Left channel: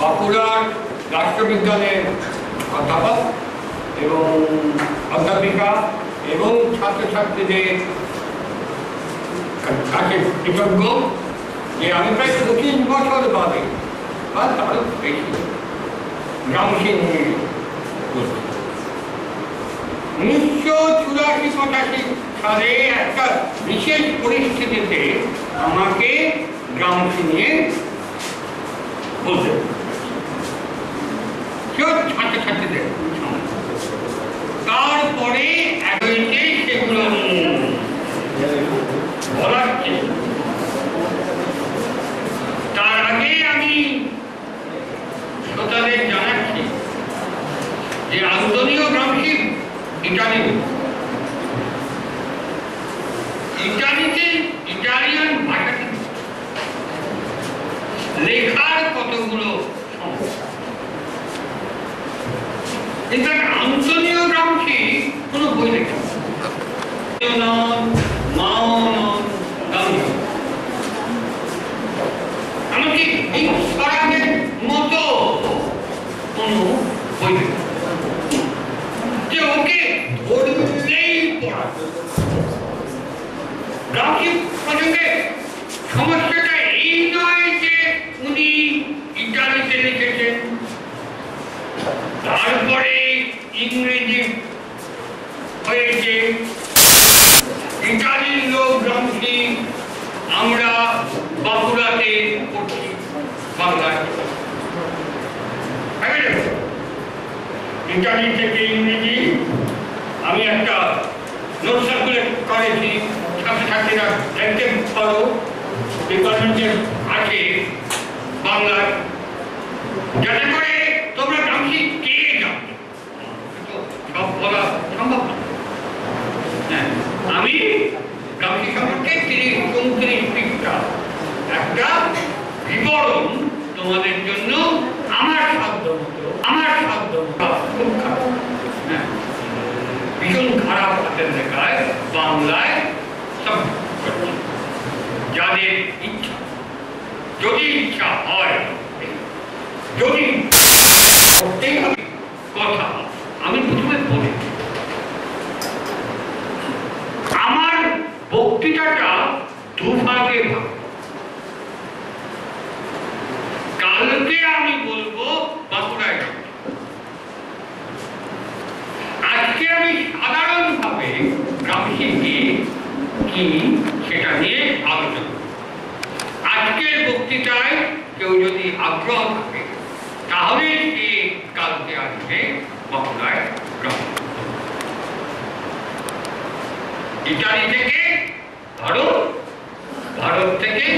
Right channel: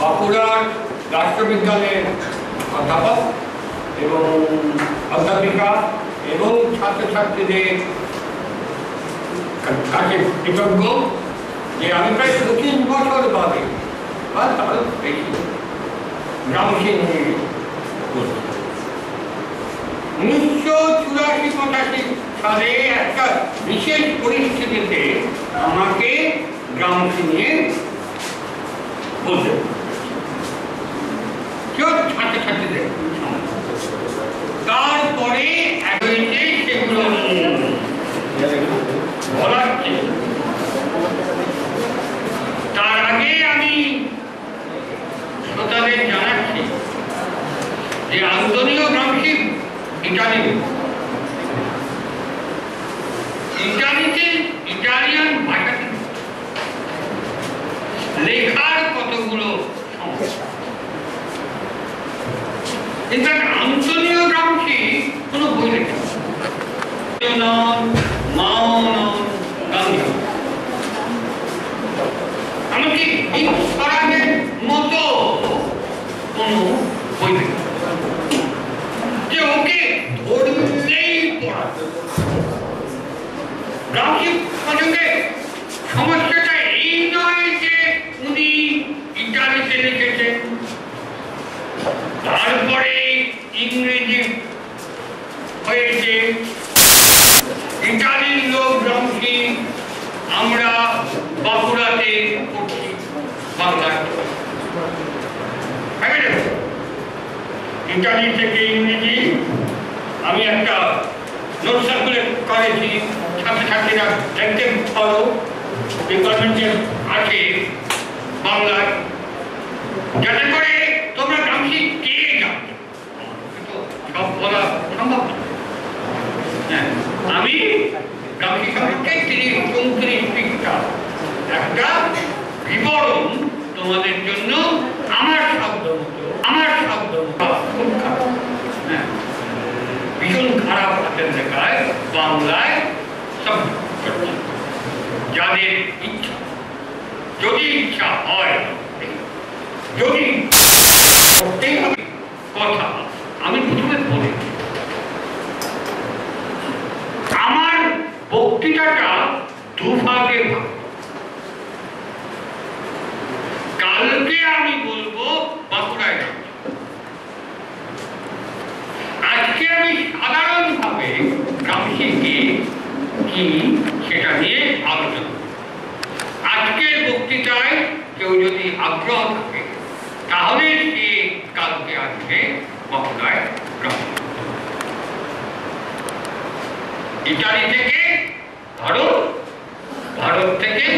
বাঁকুড়ার রাষ্ট্রবিজ্ঞানের অধ্যাপক এবং অধ্যাপিকা এবং ছাত্রছাত্রীদের কাছে কৃতজ্ঞ যে আমি প্রায় 25 বছর বাদে বা তারও বেশি গ্রামসী নিয়ে 1984-85 সালে একটা বিশেষ পরিস্থিতিতে আমাকে গ্রামসী নিয়ে বলতে ছাত্রছাত্রীদের তারপরে সেগুলো বলার তার আগে আমি শ্রোতাদের জানাচ্ছি যে আন্তনীয় গ্রামসী ইটালিতে ইটালিয়ান ভাষাতে লেখার কতগুলো সমস্যা। আন্তনীয় গ্রামসী কোনো বই লেখা এমনকি ঈশ্বরের মতো কোনো বই লেখা যে ওকে ধরলেই পড়া। গ্রামসী প্রসঙ্গে সমস্যাটা এই নয় যে উনি ইটালিতে লিখেছেন, তারপরে ইংরেজি হয়েছে, ইটালির লোক গ্রামসী আমরা বাঁকুড়াতে পড়ছি বাংলায়। ইটালি থেকে ইংরেজি আমি একটা নোট সার্কুলেট করেছি, ছাত্রছাত্রীরা দেখতে পারো ডিপার্টমেন্টে আছে বাংলায়, যাতে করে তোমরা গ্রামসী কে জানবে। সব বলা সম্ভব না। আমি গ্রামসী সম্পর্কে 30-34 পৃষ্ঠা একটা বিবরণ তোমাদের জন্য আমার শব্দ খুব খারাপ, ভীষণ খারাপ হাতের লেখায় বাংলায় সব যাদের ইচ্ছা, যদি ইচ্ছা হয়, যদি করতেই হবে কথা। আমি প্রথমে বলি আমার বক্তৃতাটা দুভাগে ভাগ। কালকে আমি বলবো বাঁকুড়ায়, আজকে আমি সাধারণভাবে গ্রামসী কি সেটা নিয়ে আলোচনা। আজকের বক্তৃতায় কেউ যদি আগ্রহ থাকে তাহলে সে কালকে আসবে বাঁকুড়ায় গ্রামসী। ইটালি থেকে ভারত থেকে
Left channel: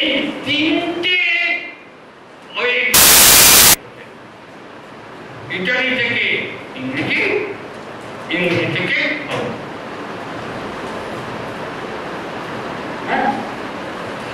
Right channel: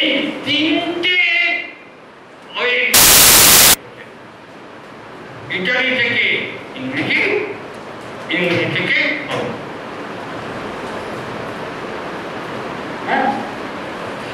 এই তিনটে ইটালি থেকে ইংরেজি, ইংরেজি থেকে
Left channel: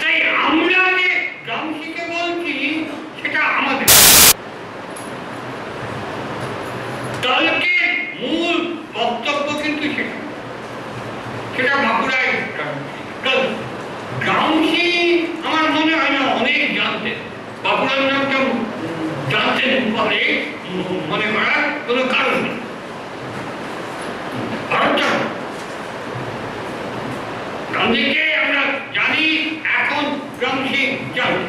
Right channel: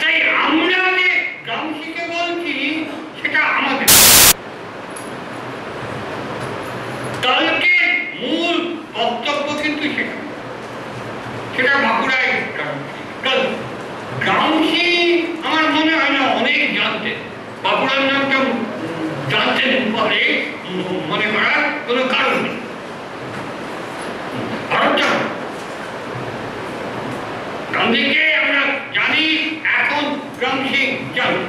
তাই আমরা যে গ্রামসীকে বলছি সেটা আমাদের কালকে মূল বক্তব্য, কিন্তু সেটা বাঁকুড়ায় গ্রামসী আমার মনে হয় না অনেক জানতেন। বাঁকুড়ার নামটা জানতেন বলে মনে করার কোনো কারণ নেই। গান্ধীকে আমরা জানি, এখন গ্রামসী জানি,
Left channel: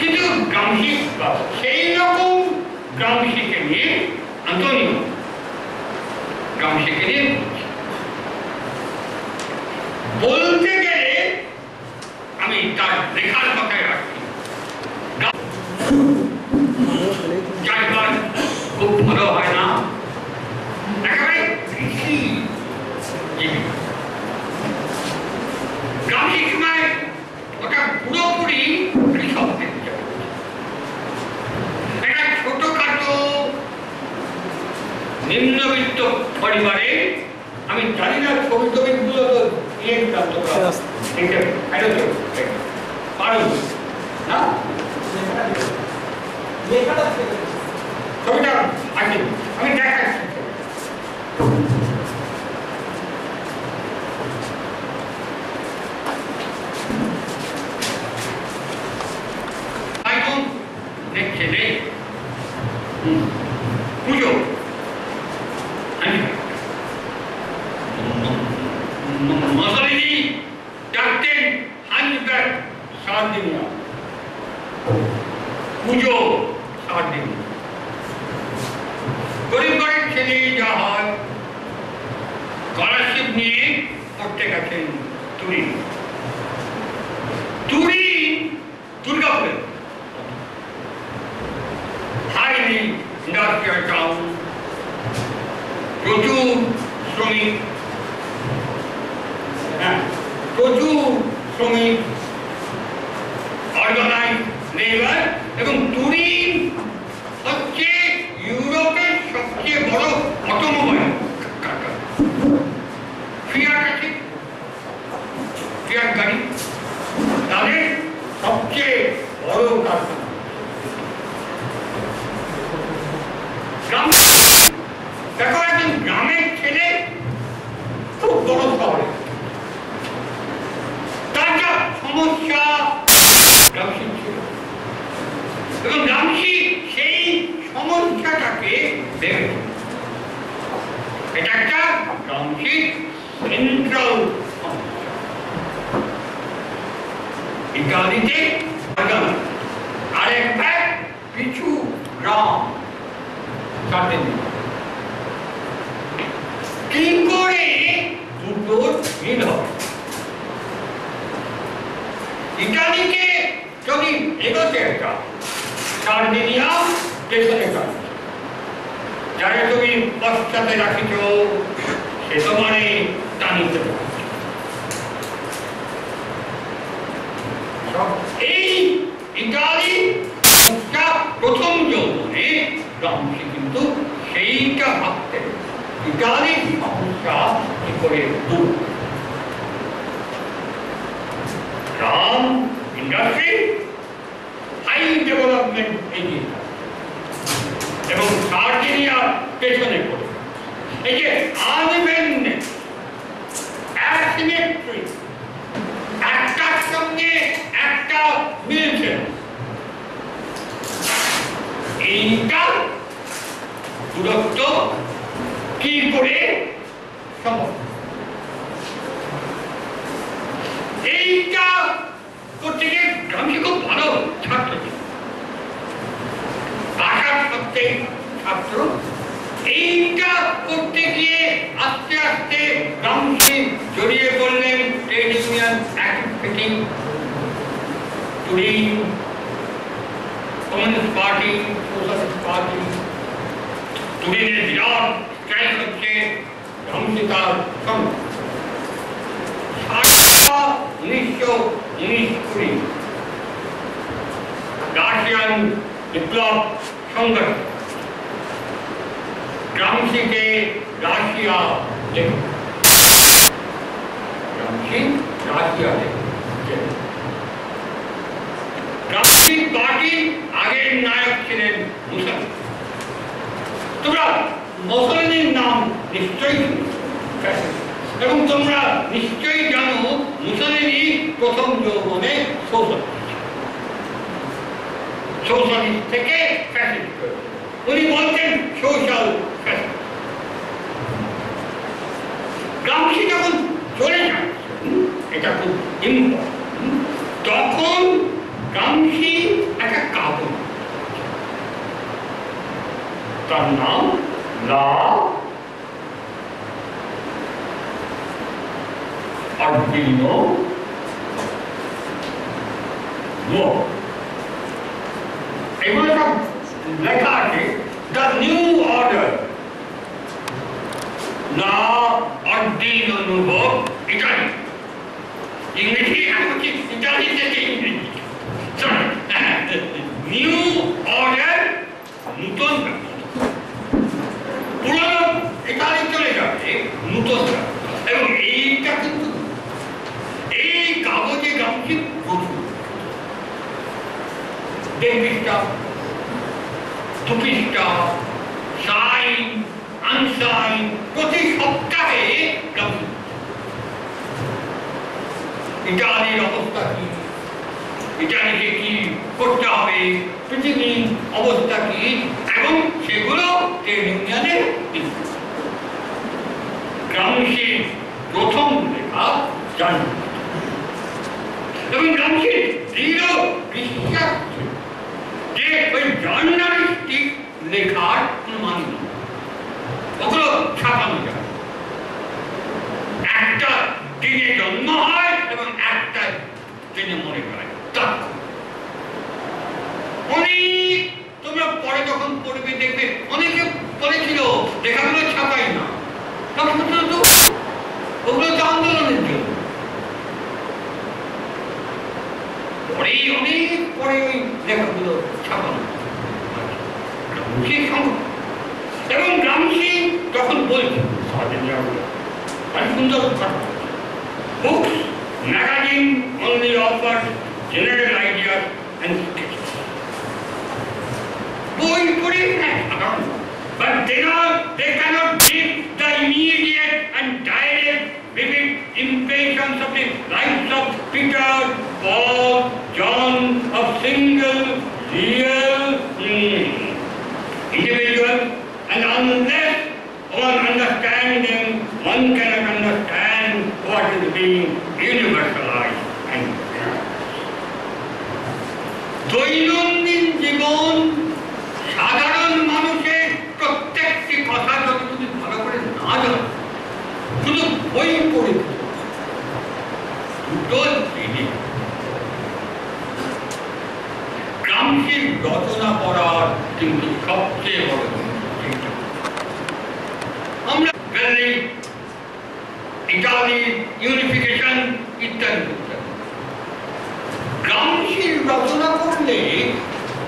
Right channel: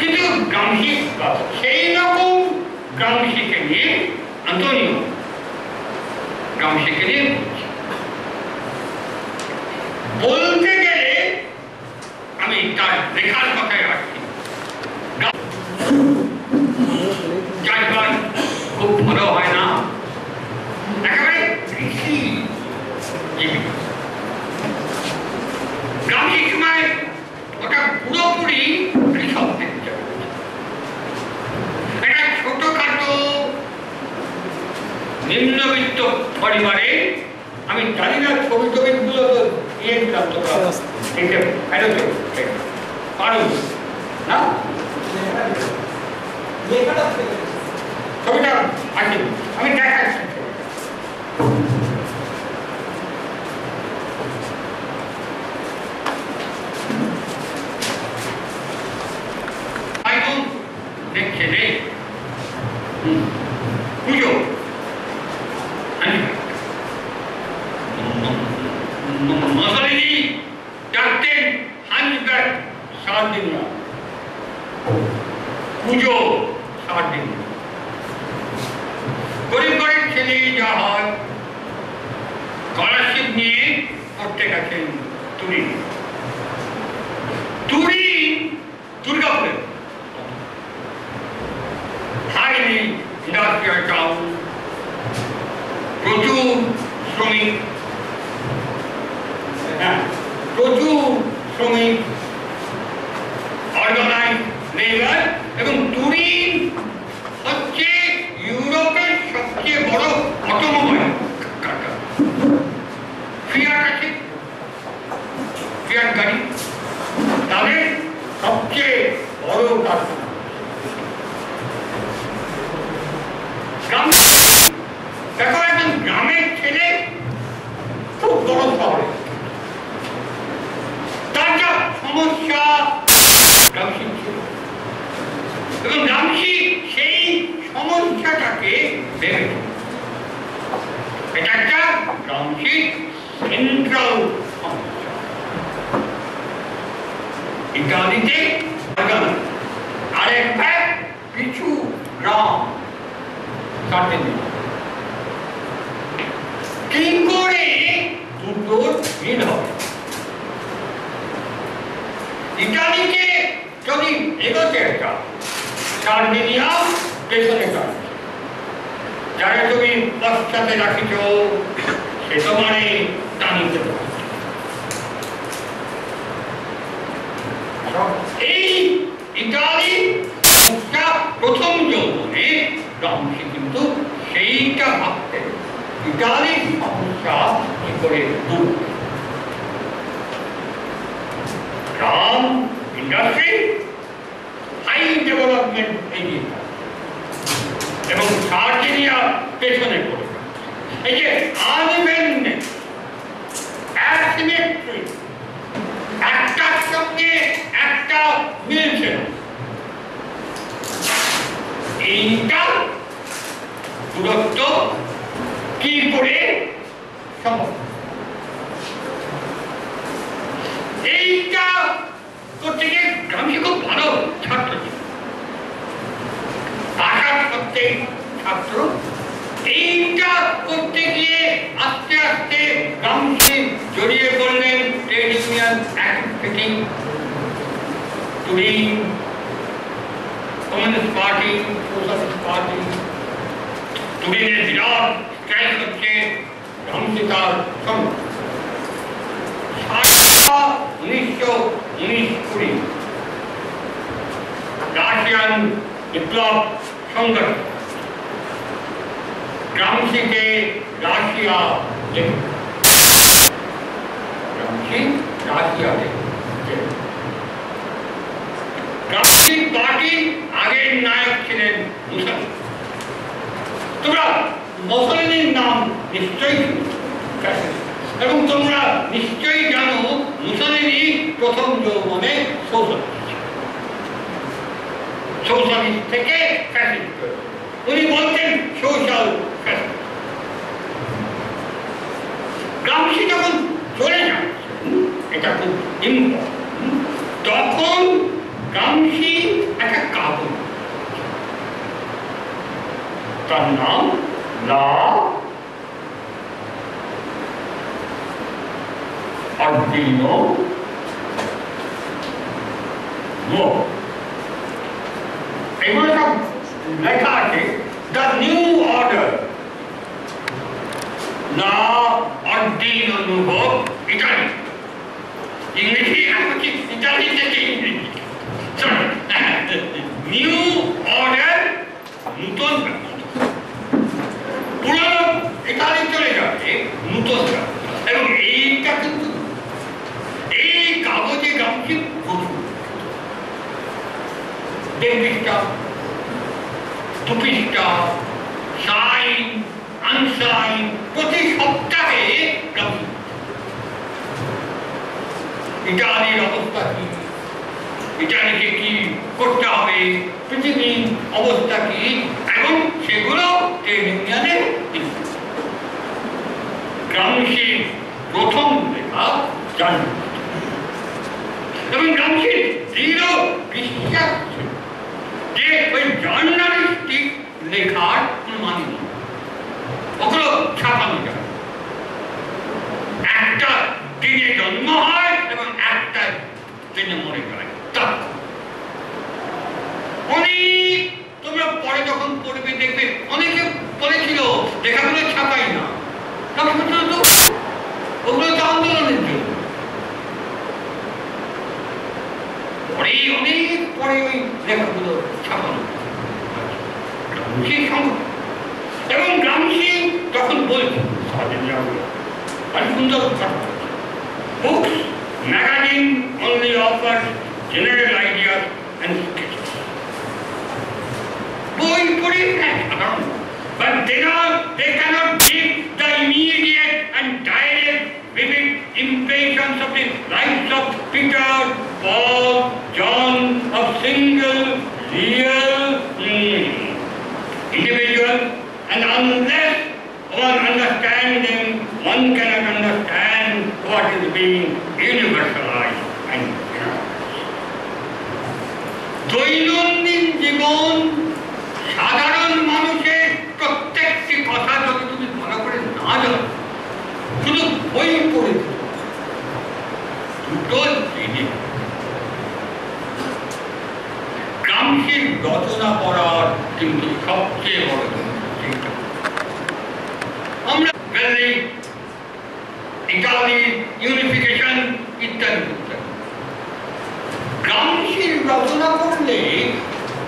কিন্তু গ্রামসী সেই রকম গ্রামসীকে নিয়ে আন্তনীয় গ্রামসীকে নিয়ে বলতে গেলে আমি তার লেখার কথায় আসছি। খুব ভালো হয় না, একেবারে গ্রামীণ সময় ওটা পুরোপুরি কৃষকদের। একটা ছোটখাটো নিম্নবিত্ত পরিবারে, আমি জানি না ছবি টবিগুলো তো ইয়ে দিলাম তোমরা পারো না, ছবিটা আছে আমি দেখাচ্ছি। পুজো মশালিনী ডাকতেন হাঞ্জব্যাক সার্দিনিয়া, পুজো সার্দিনিয়া। গরিব গরিব ছেলে যা হয় স্কলারশিপ নিয়ে পড়তে গেছেন তুরিন। তুরিন দুর্গাপুরে হাইলি ইন্ডাস্ট্রিয়াল টাউন, প্রচুর শ্রমিক, অর্গানাইজ লেবার, এবং তুরিন হচ্ছে ইউরোপের সবচেয়ে বড় অটোমোবাইল কারখানা। ফিয়াট আছে, ফিয়াট গাড়ি তাদের সবচেয়ে বড় কারখানা। দেখো একজন গ্রামের ছেলে খুব বড় শহরে, তার যা সমস্যা এবং রামসি সেই সমস্যাটাকে ভেবে, এটা একটা রামসি সেন্ট্রাল সমস্যা। ইত্যাদিতে আরেক ভাগ কিছু গ্রাম কি করে দুটোর মিল হবে। ইটালিকে যদি এগোতে একটা সার্দিনিয়া পেছনে কাজ, যারা তুমি পশ্চাতে রাখিছ সে তোমারে টানিতে পারে। এই ইটালি প্রথম যৌবনে রামসি কিন্তু সেইটা ভাবতেন, ইটালির সমস্যা কি করে দূর। গ্রাম ইন্ডাস্ট্রি হাই ডেভেলপমেন্ট এগিয়ে এবং সার্দিনিয়া পেছনে পড়ে। এই যে আনইভেননেস, অ্যাসিমেট্রি, একটার সঙ্গে একটা মিলছে না, এইটা দূরত্ব কি করে সম্ভব। এইটা করতে গিয়ে আমি খুব ভালো ছাত্র ছিল, আশা সত্ত্বে ছাত্র। এইটা করতে গিয়ে আস্তে আস্তে রামসি জড়িয়ে পড়লেন trade union activity, Turin, communist party, socialist party. তুরিনের বিরাট স্ট্রাইক হচ্ছে, রামসি তার সঙ্গে 1919-20 রাশিয়ান বিপ্লব সংগঠন রামসিকে রাশিয়া যেতে, রামসি রাশিয়া যেতে। রামসি পার্টির আগের নায়ক ছিলেন মুসলিম। তোমরা মুসলিমের নাম নিশ্চয়ই এবং তোমরা নিশ্চয়ই জানো মুসলিমই প্রথম যৌবনে সোশ্যালিস্ট থেকে ফ্যাসিস্ট। উনি বলতেন সোশ্যাল ফ্যাসিস্ট। রামসি যখন চলে যাচ্ছেন, এটা খুব ইম্পর্টেন্ট, তখন রামসি একটা কাগজ, তার নাম লা Ardino no. এগুলো সব লেখা আছে, দ্য নিউ অর্ডার, লা আর্ডিনো নুভো, ইটালি। ইংরেজি আমি ইটালি থেকে ইংরেজি, নিউ অর্ডার, নূতন পুরনো ইটালি চলে যাবে, নূতন। এবং এইটা কিন্তু এই কাগজে রামসি প্রচুর, 1.5 পৃষ্ঠা, 2 পৃষ্ঠা, সাইন আনসাইন, প্রতি সপ্তাহে রামসি ইটালির অবস্থা কি, ইটালিকে কি করতে হবে, পৃথিবীর অবস্থা কি, এবং সেগুলো ট্রেড ইউনিয়নে গ্রামসির প্রথম লেখা জার্নাল এবং গ্রামসির দৃঢ় বিশ্বাস যে ওই জার্নালিস্টিক লেখার কোনো মানে নেই, ওগুলো ছাপানো যায়। একটা দিনে জন্ম হয় এবং একটা দিনে মরে যায়। অনেক তোমরা পরে যখন পড়বে দেখবে অনেকে বলেছিল লেখাগুলো ছাপাই না, ওগুলো তো আন্দোলনের জন্য। পরে অনেক পরে ওই লেখাগুলো ছাপানো এবং গ্রামসি যখন বলছে সুন্দর কথা, books, magazine only offers general ideas and sketches. বই পড়ি সাধারণ, but they cannot give the immediate and direct vivid impressions of the lives of Peter, Paul, John, of single real individual, and unless one understands them, one cannot understand what is being universalized and দৈনন্দিন জীবন সাধারণ মানুষের প্রত্যেকটি কথা যদি তুমি ভালো করে না জানো, শুধু বই পড়ে দুটো জিনিস গ্রামসির রচনা করার কিন্তু সবচেয়ে বড় চিন্তা। আমরা ইটালি ইউনিফিকেশন ইত্যাদি ইত্যাদি গ্রামসির রচনা করলে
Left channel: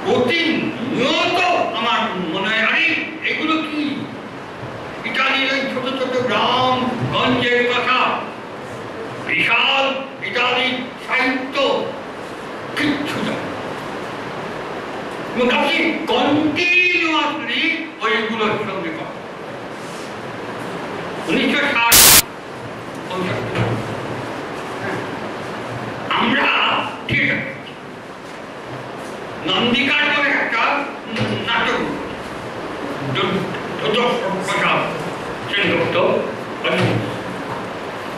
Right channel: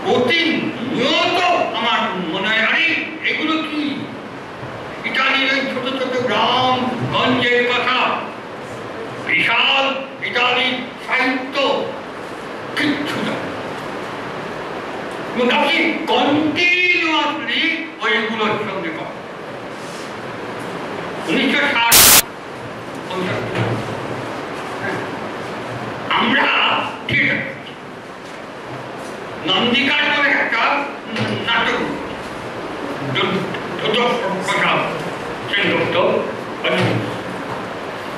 প্রতিনিয়ত আমার মনে হয় আরে এগুলো কি ইটালির ওই ছোট ছোট গ্রাম গঞ্জের কথা, বিশাল ইটালির সাহিত্য কিচ্ছু আপনি কন্টিনিউয়াসলি ওইগুলোর সঙ্গে কথা। 1960 আমরা ঠিক আছে নন্দিকার বলে একটা নাটক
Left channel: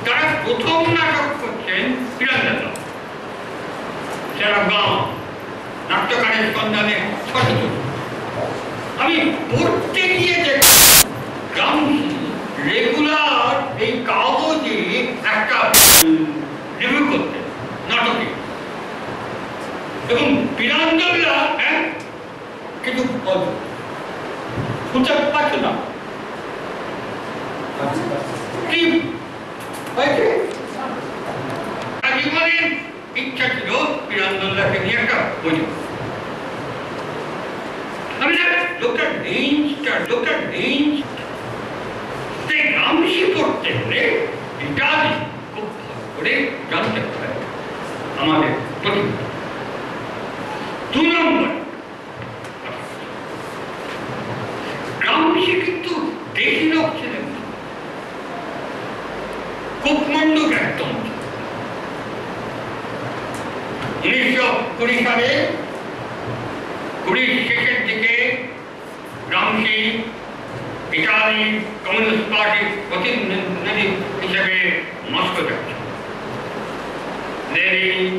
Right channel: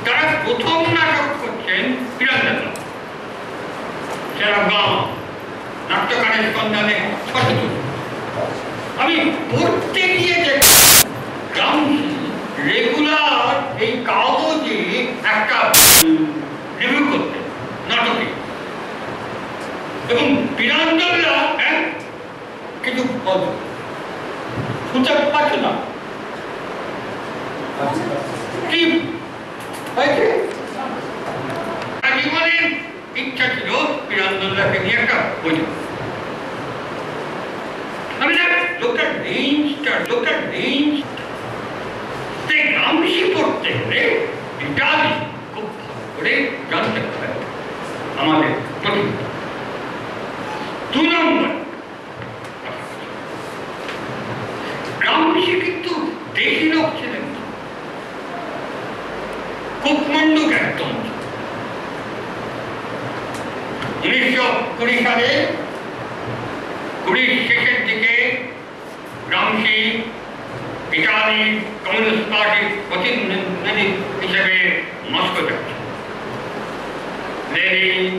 তারা প্রথম নাটক করছেন পিরান্দাতা সেরা নাট্যকারের সন্ধানে ছোট ছোট। আমি পড়তে গিয়ে গ্রামসি রেগুলার এই কাগজে একটা রিভিউ করতে নাটকে এবং পিরান্দোলা কিছু খুঁজে পাচ্ছ না কি হয়েছে। জীবনের ইচ্ছা ছিল পিরান্দোলাকে নিয়ে একটা বই। আমি লোকটার রেঞ্জ গ্রামসি পড়তে হলে ইটালি খুব ভালো করে জানতে হবে আমাদের প্রতি। 2 নম্বর গ্রামসি কিন্তু দেশি লোক ছিলেন, কুকমন্ডুক একদম। 1920 সালে 20 শেষের দিকে গ্রামসি ইটালি কমিউনিস্ট পার্টির প্রতিনিধি হিসেবে মস্কো যাচ্ছে। লেনিন,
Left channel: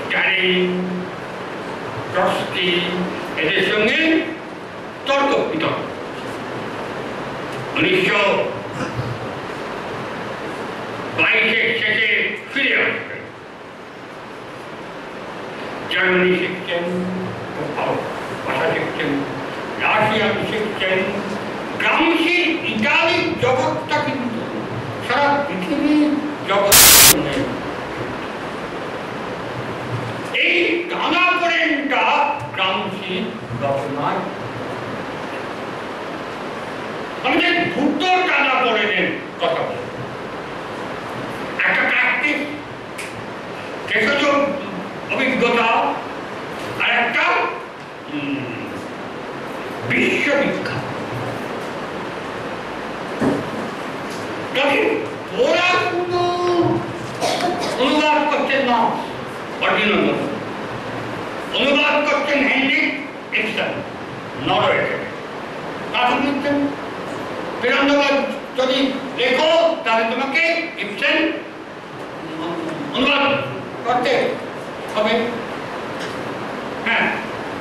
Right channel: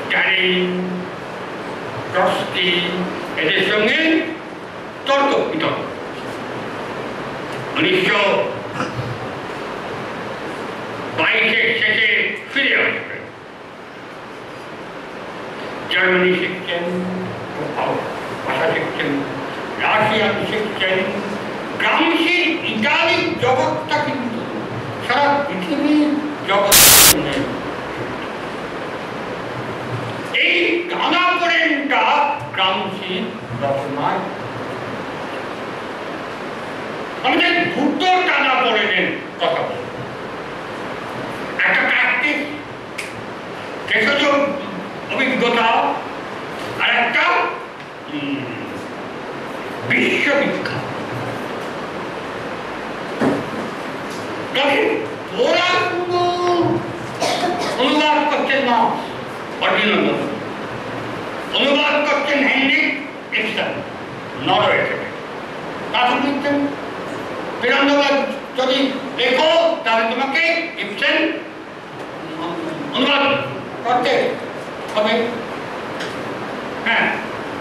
স্ট্যালিন, ট্রটস্কি এদের সঙ্গে তর্ক বিতর্ক। 1922 শেষে ফিরে আসবেন। জার্মানি শিখছেন, ভাষা শিখছেন, রাশিয়ান শিখছেন। গ্রামসি ইটালির জগৎটা কিন্তু সারা পৃথিবীর জগৎ। এই টানাপোড়েনটা গ্রামসির রচনায় আমাদের দুটো টানাপোড়েনের কথা বলি। একটা প্র্যাকটিস ভেষজ অভিজ্ঞতা আর একটা বিশ্ববিখ্যাত। ওরা শুধু অনুবাদ করছেন না, অনুবাদ করছেন হেনরিক ইবসেন, নরওয়ে থেকে। কাকে লিখছেন? বীরেন্দ্রনাথ যদি লেখো তাহলে তোমাকে ইবসেন অনুবাদ করতে হবে। হ্যাঁ,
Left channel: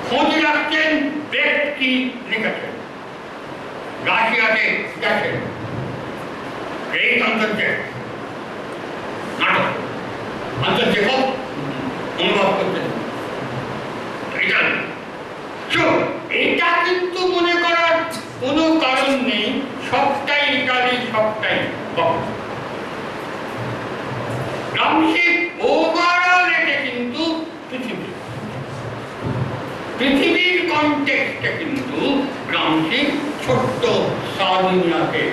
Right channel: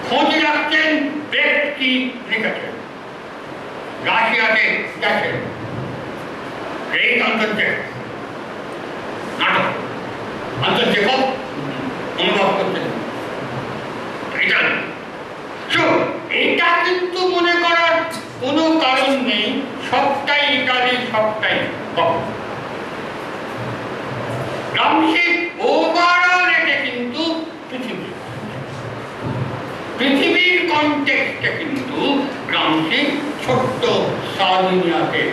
খোঁজ রাখছেন ব্যক্তি লিখেছেন, রাশিয়াতে গেছেন, এই অন্তর্জেক নাটক অন্তর্জেক অনুভব করতেন। এটা কিন্তু মনে করার কোনো কারণ নেই সবটাই ইটালি, সবটাই গ্রামসি ওভারঅল এটা কিন্তু পৃথিবীর কনটেক্সটে কিন্তু গ্রামসি ছোট্ট সার্ডিনিয়াকে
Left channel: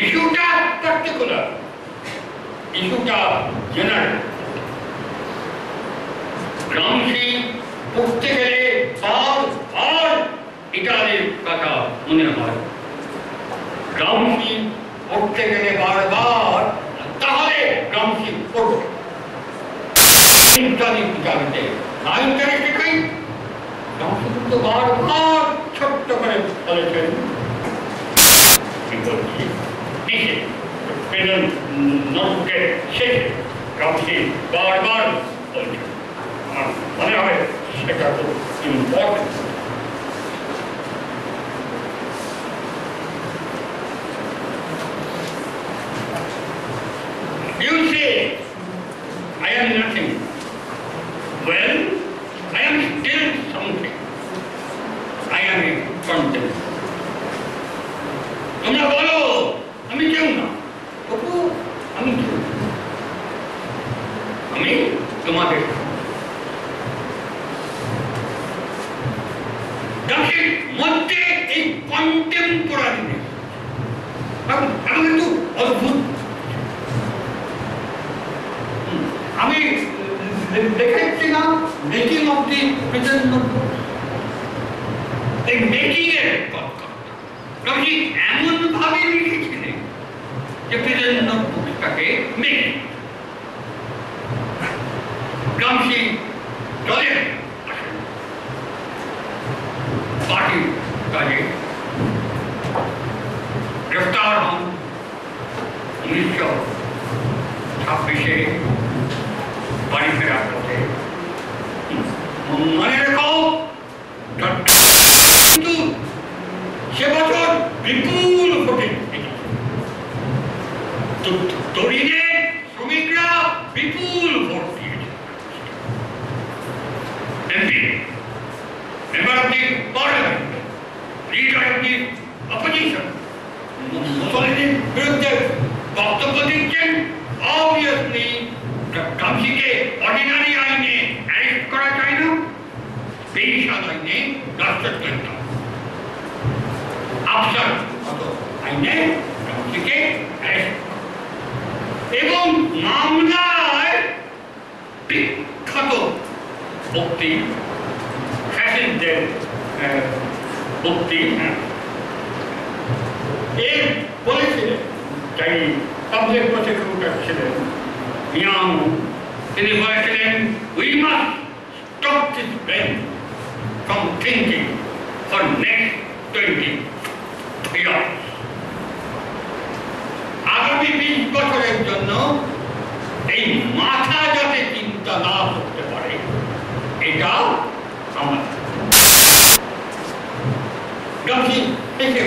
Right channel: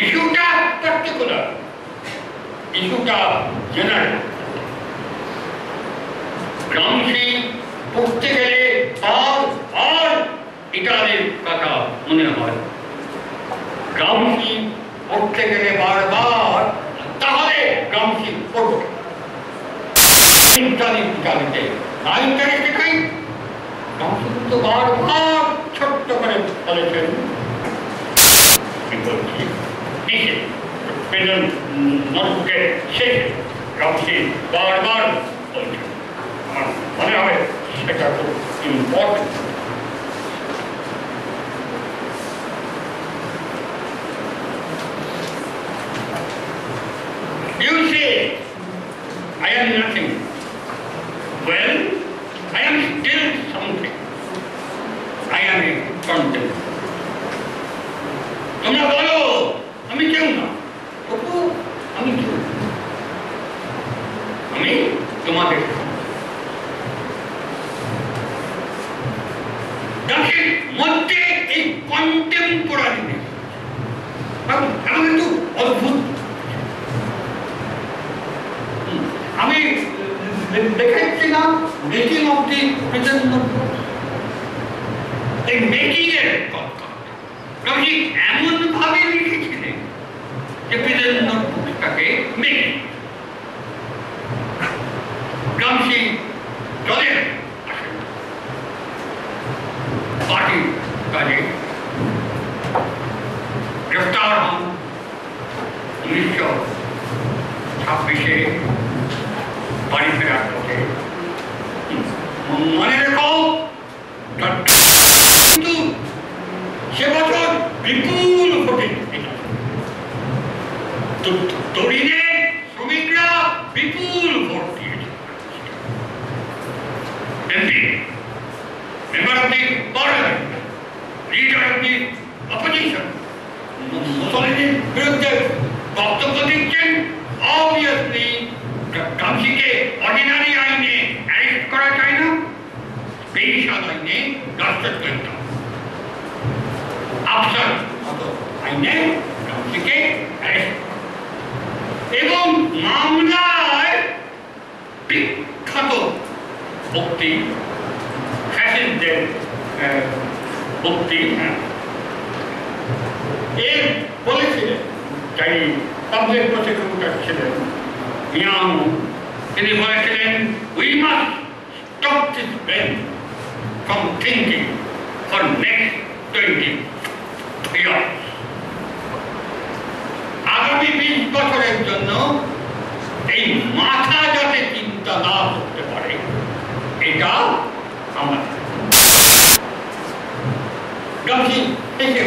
ইস্যুটা পার্টিকুলার, ইস্যুটা জেনারেল। গ্রামসি পড়তে গেলে বারবার ইটালির কথা মনে হয়, গ্রামসি পড়তে গেলে বারবার, তাহলে গ্রামসি পড়বে ইটালিতে না ইন্টারেস্টে খাই। গ্রামসি কিন্তু বারবার ছোট্ট করে বলেছেন নোটবুকের শেষে গ্রামসি বারবার বলছেন। আমার মনে হয় সেটা খুব important. You say, I am nothing. Well, I am still something. I am a content. তোমরা বলো আমি কেউ না, তবু আমি কেউ, আমি তোমাদের। মধ্যে এই কন্টেম্পোরারিনেস একটু অদ্ভুত। আমি দেখেছিলাম making of the present notebook, এই মেকিং এর কথা এমন ভাবে লিখেছিলেন যে প্রেজেন্ট নোটবুকটাকে মেকিং। গ্রামসি চলে পার্টি কাজে গ্রেফতার হন 1926 বাড়ি ফেরার পথে। মনে রেখো কিন্তু সে বছর বিপুল ভোটে তরুণে শ্রমিকরা বিপুল ভোট দিয়েছে। MP, member of the parliament, leader of the opposition, মুসলিমের বিরুদ্ধে বক্তব্য দিচ্ছেন। অবভিয়াসলি গ্রামসিকে অর্ডিনারি আইনে অ্যারেস্ট করা যায় না, স্পেশাল আইনে রাষ্ট্রদ্রোহিত আফসার আইনে গ্রামসিকে অ্যারেস্ট এবং মামলায় বিখ্যাত বক্তি ফ্যাসিস্টদের বক্তি এর বলেছিলেন, যাই পাবলিক প্রসিকিউটর ছিলেন ইয়াং, তিনি বলেছিলেন we must stop this brain from thinking for next 20 years. আগামী 20 বছরের জন্য এই মাথা যাতে চিন্তা না করতে পারে, এটা আমাদের গ্রামসি থেকে